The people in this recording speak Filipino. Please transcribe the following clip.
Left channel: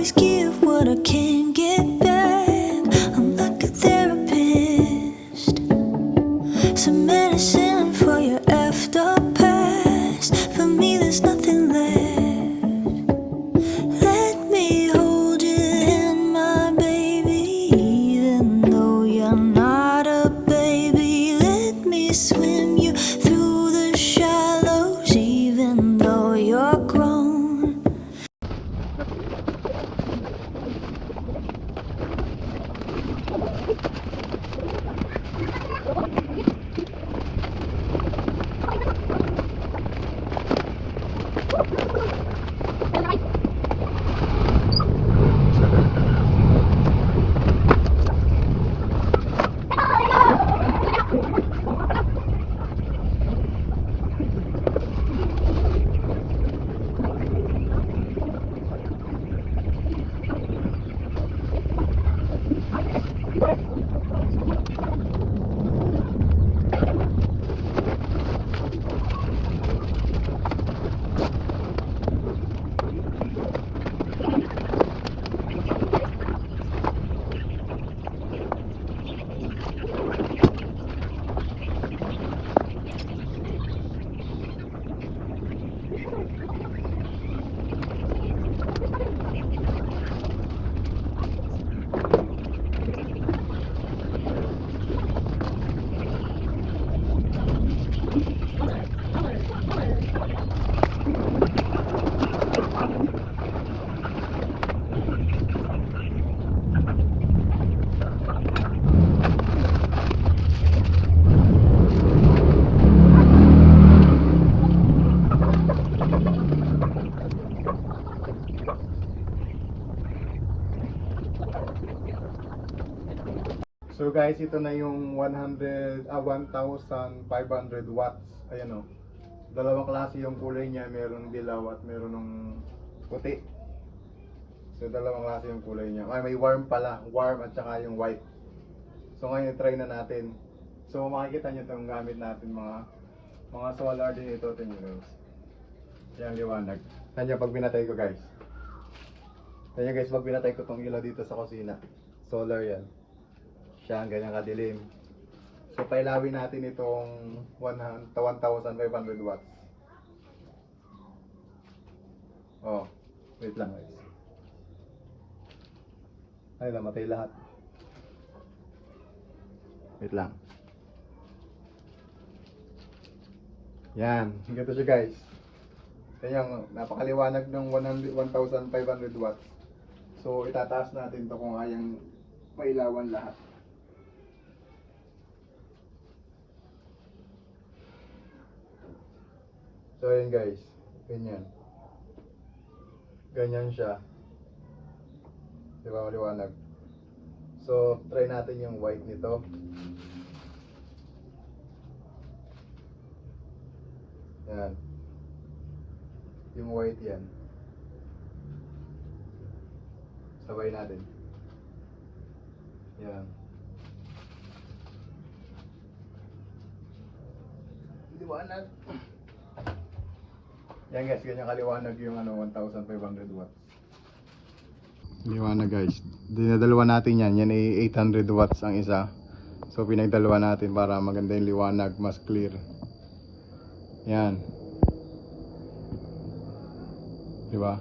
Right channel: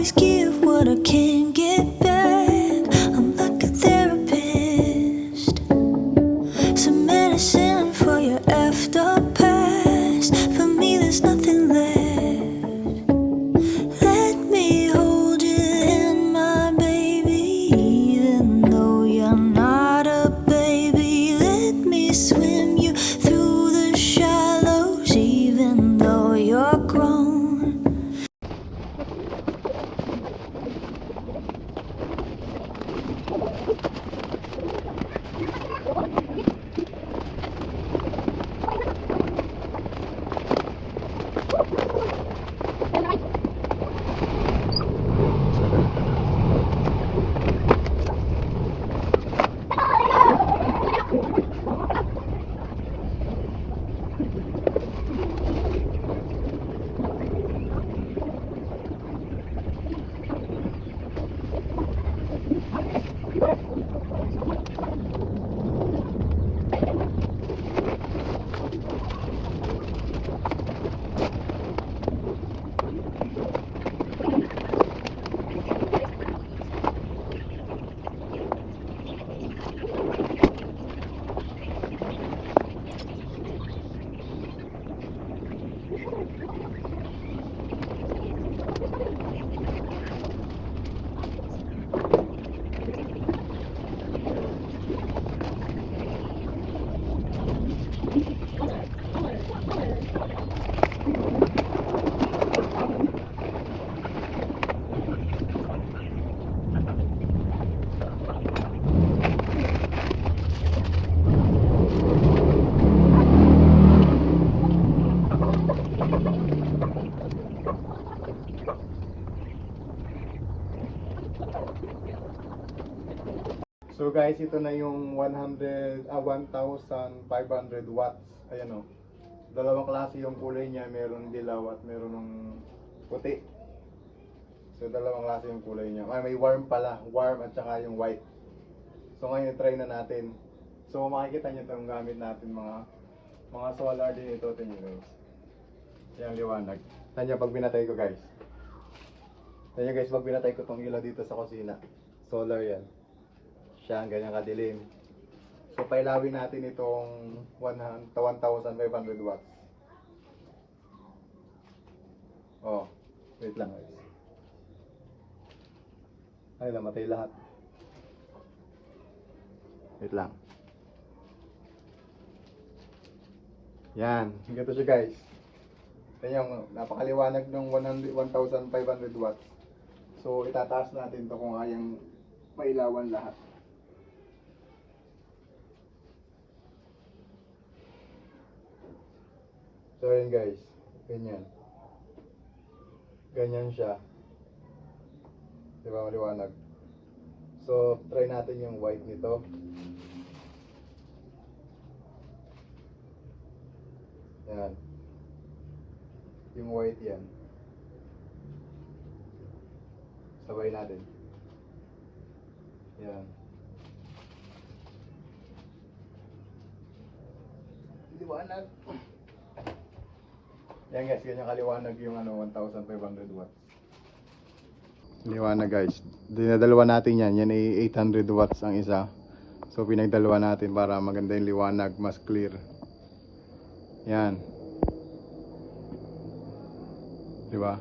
always give what I can't get back. I'm like a therapist, some medicine for your effed up past. For me, there's nothing left. Let me hold your hand, my baby, even though you're not a baby. Let me swim you through the shallows, even though you're grown. So guys, ito na yung 1,500 watts. Ayan o. Dalawang klase yung kulay niya. Meron dilaw at meron ng puti. So dalawang klase yung kulay niya. Ay, may warm pala. Warm at saka yung white. So ngayon try na natin. So makikita nyo itong gamit natin mga solar din ito. Tingnan nyo guys. Yan liwanag. Tanya pag binatay ko guys. Tanya guys, pag binatay ko itong ilaw dito sa kusina. Solar yan. Siya, ganyan kadilim. So pailawin natin itong 1,500 watts. Oh, wait lang guys. Ay, namatay lahat. Wait lang. Yan, ganito siya guys. Yan, napakaliwanag ng 1,500 watts. So itataas natin to kung ayang mailawan lahat. So ayan guys, ganyan. Ganyan siya. Diba maliwanag? So try natin yung white nito. Yan. Yung white yan. Sabay natin. Yan. Liwanag. Yan guys, ganyan kaliwanag yung 1,500 watts. Liwanag guys. Dinadalawa natin yan. Yan ay 800 watts ang isa. So pinagdalawa natin para maganda yung liwanag, mas clear. Yan. Diba?